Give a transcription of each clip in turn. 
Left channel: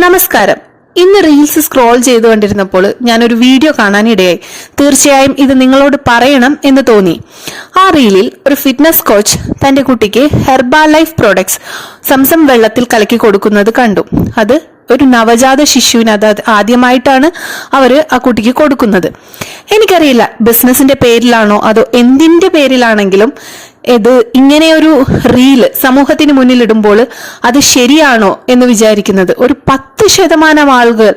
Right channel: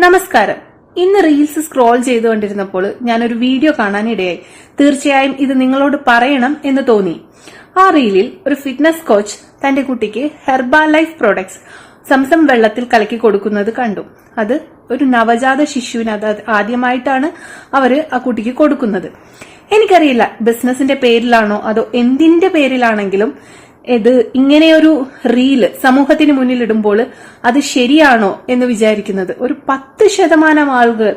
നമസ്കാരം. ഇന്ന് reels scroll ചെയ്തുകൊണ്ടിരുന്നപ്പോൾ ഞാനൊരു വീഡിയോ കാണാനിടയായി. തീർച്ചയായും ഇത് നിങ്ങളോട് പറയണം എന്ന് തോന്നി. ആ റീലിൽ ഒരു ഫിറ്റ്നസ് കോച്ച് തന്റെ കുട്ടിക്ക് ഹെർബാ ലൈഫ് പ്രോഡക്ട്സ് സംസം വെള്ളത്തിൽ കലക്കി കൊടുക്കുന്നത് കണ്ടു. അത് ഒരു നവജാത ശിശുവിന് ആദ്യമായിട്ടാണ് അവര് ആ കുട്ടിക്ക് കൊടുക്കുന്നത്. എനിക്കറിയില്ല ബിസിനസിന്റെ പേരിലാണോ അതോ എന്തിന്റെ പേരിലാണെങ്കിലും ഇത് ഇങ്ങനെയൊരു റീല് സമൂഹത്തിന് മുന്നിലിടുമ്പോൾ അത് ശരിയാണോ എന്ന് വിചാരിക്കുന്നത് ഒരു 10% ആളുകൾ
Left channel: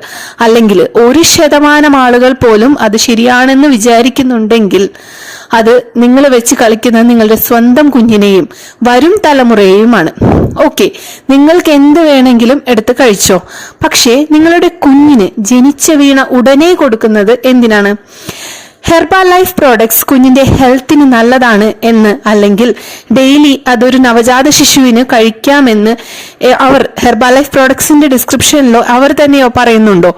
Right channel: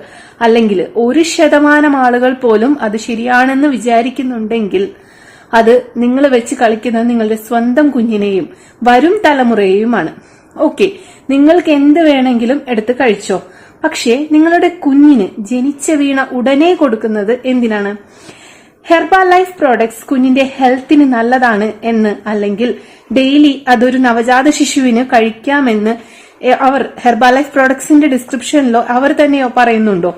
അല്ലെങ്കിൽ 1% ആളുകൾ പോലും അത് ശരിയാണെന്ന് വിചാരിക്കുന്നുണ്ടെങ്കിൽ അത് നിങ്ങൾ വെച്ച് കളിക്കുന്നത് നിങ്ങളുടെ സ്വന്തം കുഞ്ഞിനെയും വരും തലമുറയെയുമാണ്. ഓക്കെ, നിങ്ങൾക്ക് എന്ത് വേണമെങ്കിലും എടുത്ത് കഴിച്ചോ, പക്ഷേ നിങ്ങളുടെ കുഞ്ഞിന് ജനിച്ച വീണ ഉടനെ കൊടുക്കുന്നത് എന്തിനാണ്? ഹെർബാ ലൈഫ് പ്രോഡക്ട്സ് കുഞ്ഞിന്റെ ഹെൽത്തിന് നല്ലതാണ് എന്ന്, അല്ലെങ്കിൽ ഡെയിലി അതൊരു നവജാത ശിശുവിന് കഴിക്കാമെന്ന് അവർ ഹെർബാ ലൈഫ് പ്രോഡക്ട്സിന്റെ ഡിസ്ക്രിപ്ഷനിലോ അവർ തന്നെയോ പറയുന്നുണ്ടോ?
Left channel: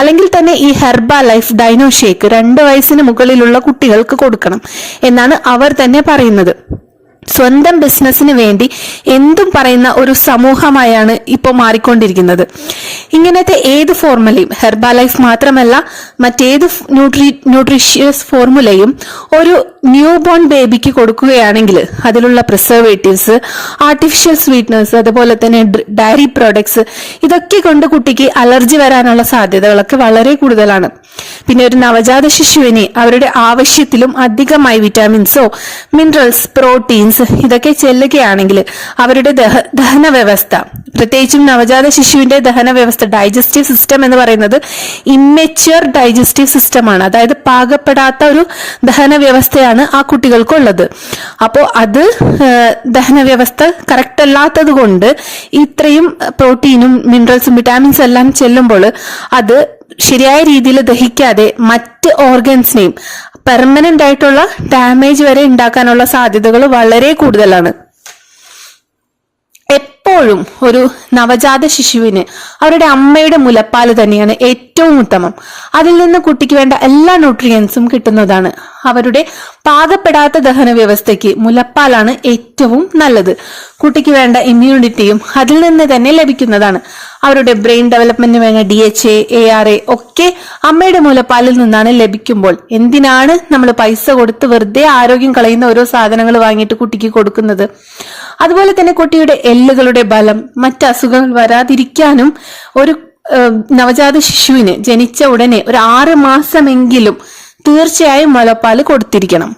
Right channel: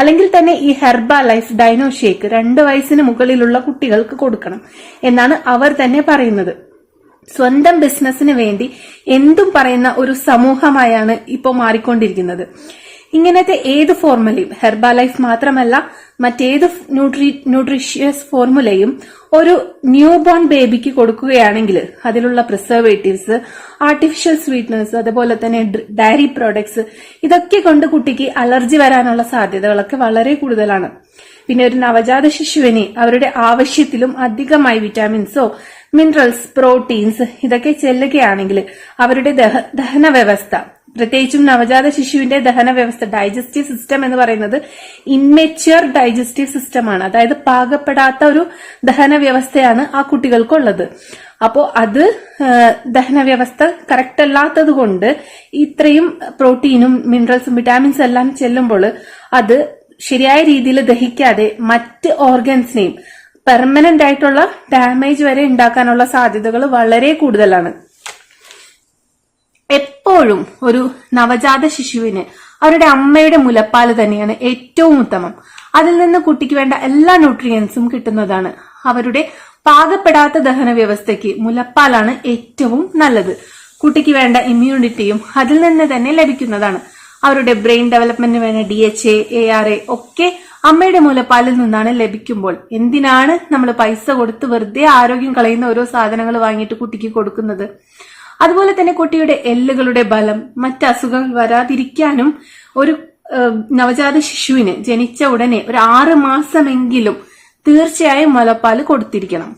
അല്ലെങ്കിൽ തന്നെ ഈ ഹെർബാ ലൈഫ് ഡൈനോ ഷേക്ക് 2 വയസ്സിന് മുകളിലുള്ള കുട്ടികൾക്ക് കൊടുക്കണം എന്നാണ് അവർ തന്നെ പറയുന്നത്. സ്വന്തം ബിസിനസിന് വേണ്ടി എന്തും പറയുന്ന ഒരു സമൂഹമായാണ് ഇപ്പോൾ മാറിക്കൊണ്ടിരിക്കുന്നത്. ഇങ്ങനത്തെ ഏത് ഫോർമുലയും, ഹെർബാ ലൈഫ് മാത്രമല്ല മറ്റേത് ന്യൂട്രീഷ്യസ് ഫോർമുലയും ഒരു ന്യൂ ബോൺ ബേബിക്ക് കൊടുക്കുകയാണെങ്കിൽ അതിലുള്ള പ്രിസർവേറ്റീവ്സ്, ആർട്ടിഫിഷ്യൽ സ്വീറ്റ്നേഴ്സ്, അതുപോലെ തന്നെ ഡയറി പ്രോഡക്ട്സ്, ഇതൊക്കെ കൊണ്ട് കുട്ടിക്ക് അലർജി വരാനുള്ള സാധ്യതകളൊക്കെ വളരെ കൂടുതലാണ്. പിന്നെ ഒരു നവജാത ശിശുവിനെ അവരുടെ ആവശ്യത്തിലും അധികമായി വിറ്റാമിൻസോ മിനറൽസ്, പ്രോട്ടീൻസ് ഇതൊക്കെ ചെല്ലുകയാണെങ്കിൽ അവരുടെ ദഹന വ്യവസ്ഥ, പ്രത്യേകിച്ചും നവജാത ശിശുവിന്റെ ദഹന വ്യവസ്ഥ, ഡൈജസ്റ്റീവ് സിസ്റ്റം എന്ന് പറയുന്നത് ഇമ്മെച്യൂർ ഡൈജസ്റ്റീവ് സിസ്റ്റമാണ്. അതായത് പാകപ്പെടാത്ത ഒരു ദഹന വ്യവസ്ഥയാണ് ആ കുട്ടികൾക്കുള്ളത്. അപ്പോൾ അത് ദഹന വ്യവസ്ഥ കറക്റ്റ് അല്ലാത്തത് കൊണ്ട് ഇത്രയും പ്രോട്ടീനും മിനറൽസും വിറ്റാമിൻസും എല്ലാം ചെല്ലുമ്പോൾ അത് ശരിയായ രീതിയിൽ ദഹിക്കാതെ മറ്റ് ഓർഗൻസിനെയും പെർമനന്റ് ആയിട്ടുള്ള ഡാമേജ് വരെ ഉണ്ടാക്കാനുള്ള സാധ്യതകൾ വളരെ കൂടുതലാണ്. എപ്പോഴും ഒരു നവജാത ശിശുവിന് അവരുടെ അമ്മയുടെ മുലപ്പാല് തന്നെയാണ് ഏറ്റവും ഉത്തമം. അതിൽ നിന്ന് കുട്ടിക്ക് വേണ്ട എല്ലാ ന്യൂട്രിയൻസും കിട്ടുന്നതാണ്. അവരുടെ പാകപ്പെടാത്ത ദഹന വ്യവസ്ഥയ്ക്ക് മുലപ്പാലാണ് ഏറ്റവും നല്ലത്. കുട്ടിക്ക് വേണ്ട ഇമ്മ്യൂണിറ്റിയും അതിൽ നിന്ന് തന്നെ ലഭിക്കുന്നതാണ്. അവരുടെ ബ്രെയിൻ ഡെവലപ്മെന്റിന് വേണ്ട DHA, ARA ഒക്കെ അമ്മയുടെ മുലപ്പാലിൽ നിന്നാണ് ലഭിക്കുമ്പോൾ എന്തിനാണ് നമ്മൾ പൈസ കൊടുത്ത് വെറുതെ ആരോഗ്യം കളയുന്ന ഓരോ സാധനങ്ങൾ വാങ്ങിയിട്ട് കുട്ടിക്ക് കൊടുക്കുന്നത്? അതുപോലെ തന്നെ കുട്ടിയുടെ എല്ലുകളുടെ ബലം, മറ്റ് അസുഖങ്ങൾ വരാതിരിക്കാനും ഒരു നവജാത ശിശുവിന് ജനിച്ച ഉടനെ ഒരു 6 മാസമെങ്കിലും തീർച്ചയായും മുലപ്പാല് കൊടുത്തിരിക്കണം.